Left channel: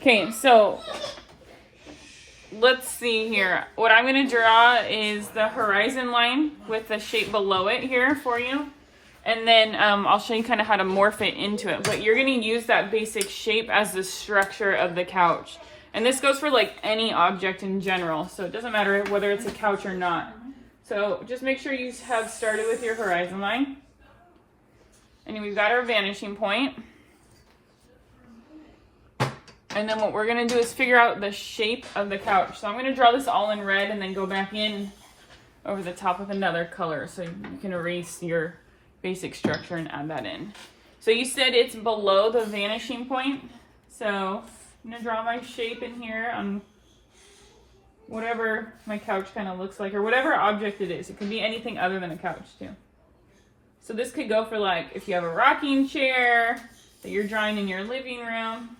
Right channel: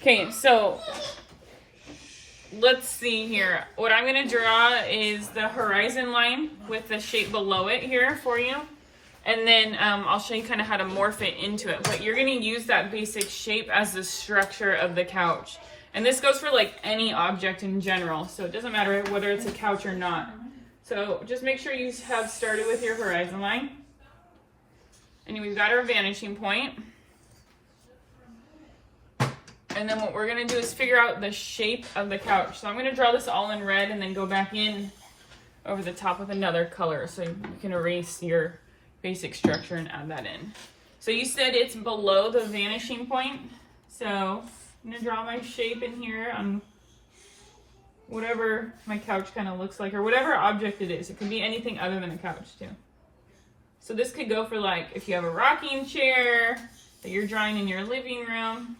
Okay, so let's see here. What I'm going to draw is the horizon line with the shape below it here for you. And then I'll show you kind of how to morph it into it. But you're going to use that basic shape as the structure of the couch. And this goes for like any object in general. So it doesn't matter whether it's a couch or not. So just make sure you have started with your horizon line. And we've got our vanishing point. And then what we're going to do is figure out the shape of the couch. So I'm going to draw this all in red and then go back in over the top with another color. So you can erase your basic structure and add that in. So you said it's below the vanishing point. So I'm going to draw my shape in here on whatever my couch kind of looks like, or whatever object it is. It can be anything other than a couch too. So this could go for like if you have a rocking chair that you're drawing in your living room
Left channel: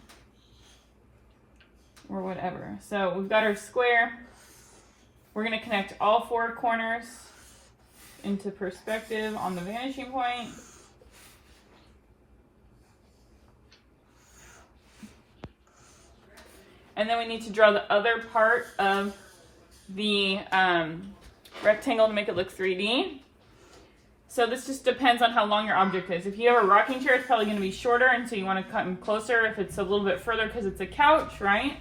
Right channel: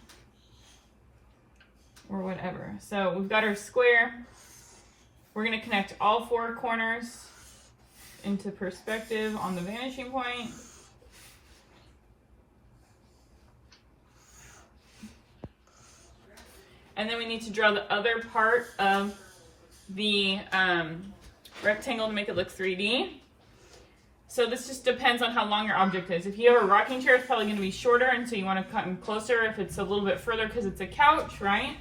or whatever. So we've got our square. We're going to connect all four corners into perspective on the vanishing point. And then we need to draw the other part of the rectangle to make it look 3D. So this just depends on how long your object is. If you have a rocking chair, it's probably going to be shorter, and so you want to cut in closer if it's a little bit further because it's a couch, right?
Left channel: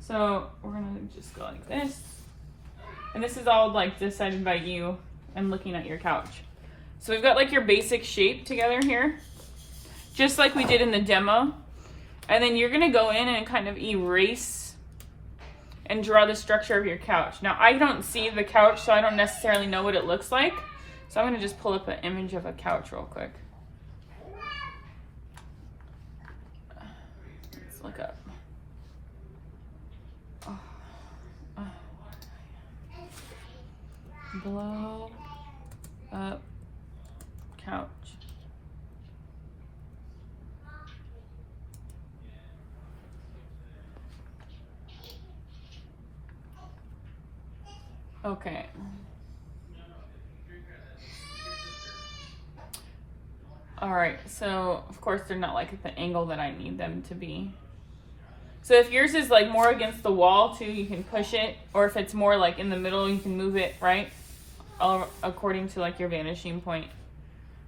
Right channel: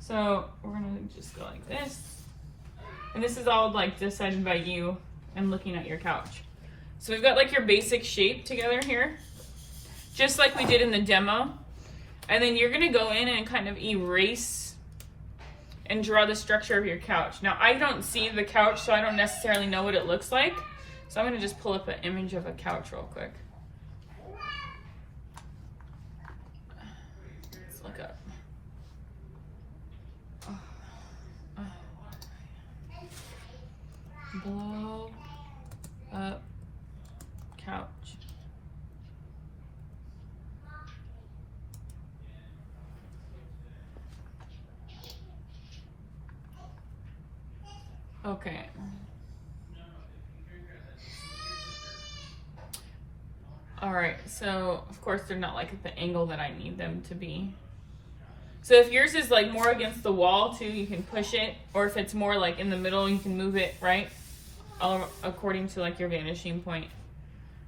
So we're going to just go like this. And this is all like decided by you and looking at your couch. So we've got like your basic shape together here, just like we did in the demo. And then you're gonna go in and kind of erase and draw the structure of your couch. Now I don't see the couch, so I don't necessarily know what it looks like. So I'm gonna just pull up an image of a couch real quick. Let's look up. Blow up couch. Okay. All right, so of course they're not like at the angle that I need them to be. So if yours is like more against the wall too, you can push it, or if it's more like in the middle, you can move it, right? All according to like your vanishing point.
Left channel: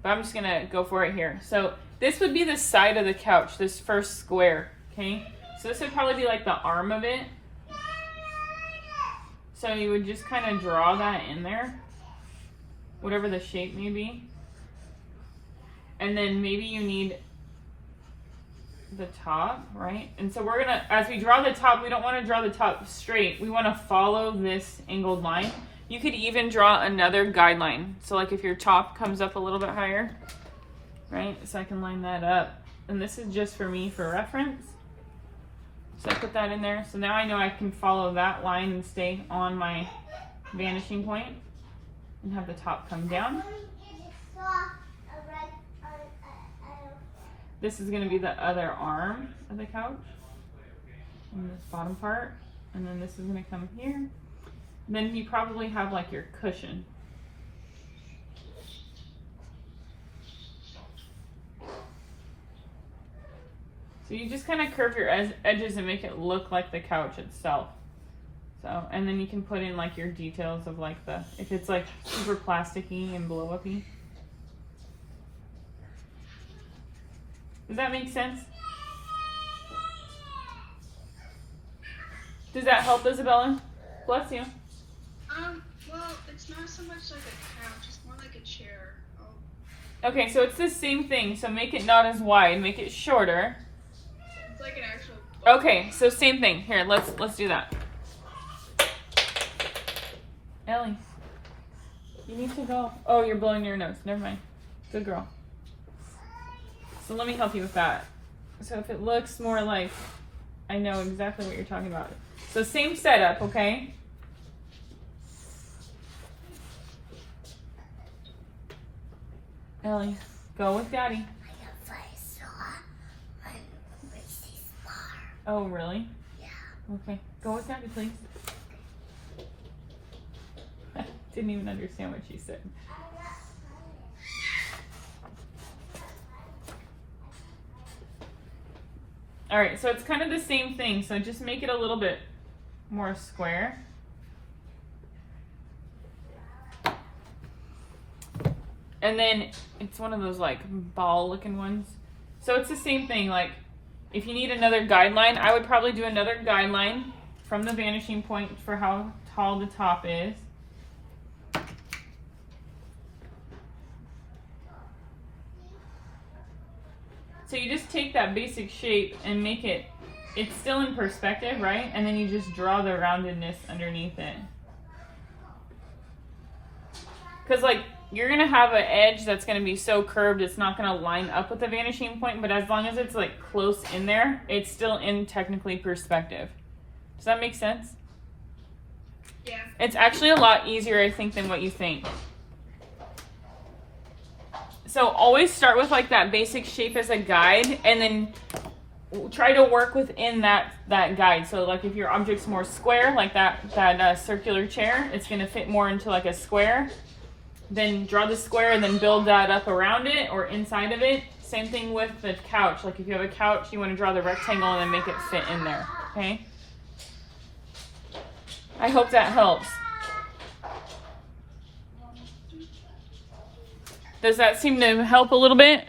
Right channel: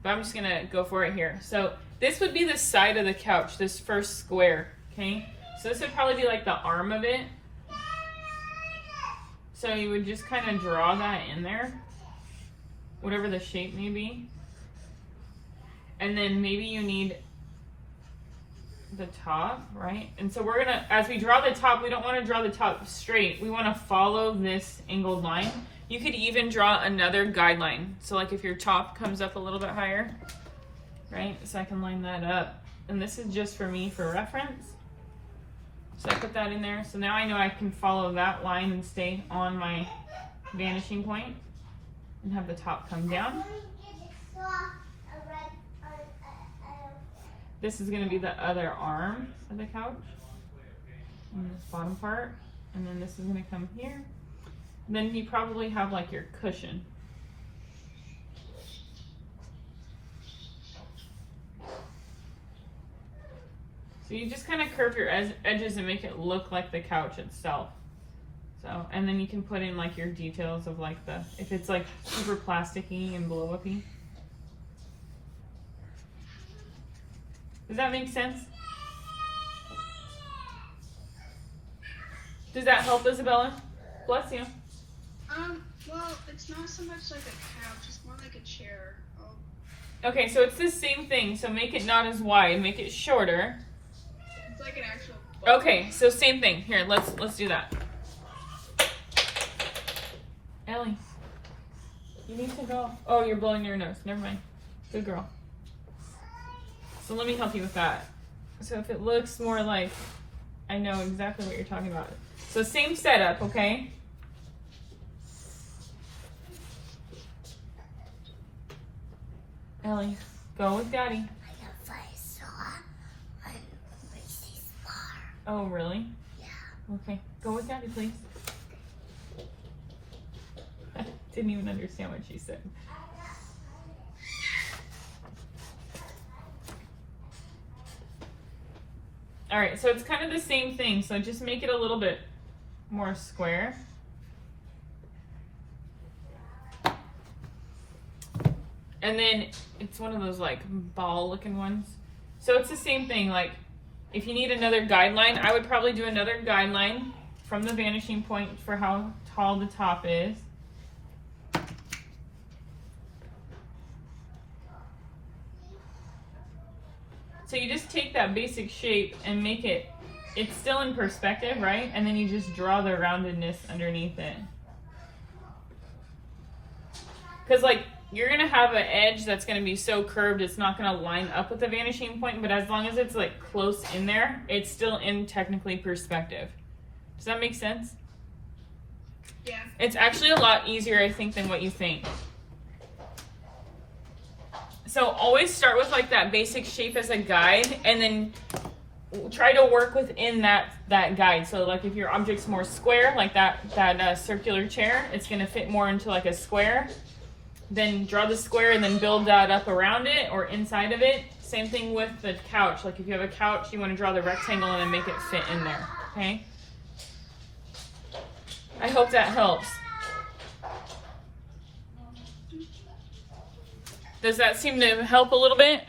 But I'm just gonna go for it here. So this would be the side of the couch, this first square, okay? So this would probably be like the arm of it. So you would just kind of draw that in there, whatever the shape may be. And then maybe you need the top, right? And so we're gonna, as we draw the top, we don't want to draw the top straight. We want to follow this angled line. You could even draw another guideline. So like if your top comes up a little bit higher, right? So I can line that up. And this is just for me for reference. So I put that in there. So now I know I can follow that line and stay on my vanishing point and have the top come down. This is going to be the other arm of the couch and this bottom part. And then this is going to come here. And then you probably have like your cushion. So you just kind of curve your edges and make it look like the couch itself. So, and then you can put in like your details of like the, if it's like super plasticky and blow uppy. Does that make sense? Does that help, Isabella? Bless you. Well, it's not so much like a couch, it's more like a chair. Okay, so it's the same thing. So make it not as wide, make it shorter. It's like an actual. Okay, so same thing. Here, let's do that. Ellie, you need to go. Oh, you're blowing your nose. Never mind. Good girl. So let me help you with that. So if it looks more like, I know exactly what you're talking about. So same setup, okay? Ellie, go with Daddy. Oh, really? Yeah. Okay, go with Daddy, please. Didn't even understand what she said. All right, so it's kind of the same thing. So just make it a little bit more square. And then it's one of those like ball looking ones. So it's the same thing. Like if you need another guideline, I would probably do another guideline from the vanishing point for how tall the top is. So you just take that basic shape and make it, it's still in perspective, right? And then you just draw the roundedness underneath it. Because like, you're gonna have an edge that's gonna be so curved, it's not gonna line up with the vanishing point, but as long as it's like close in there, it's still in technically perspective. Does that make sense? Yeah. It's actually a lot easier, I think, than what you think. So always start with like that basic shape as a guide, and then try to work within that guide. So like if your object's more square, like that circular chair, it's gonna fit more into like a square. Then draw the square and then build that up around it or inside of it. Same thing with the couch. Like if you have a couch, you want to draw the rectangle and then make it fit in there. Okay? I hope that helps. Does that seem to help a little bit?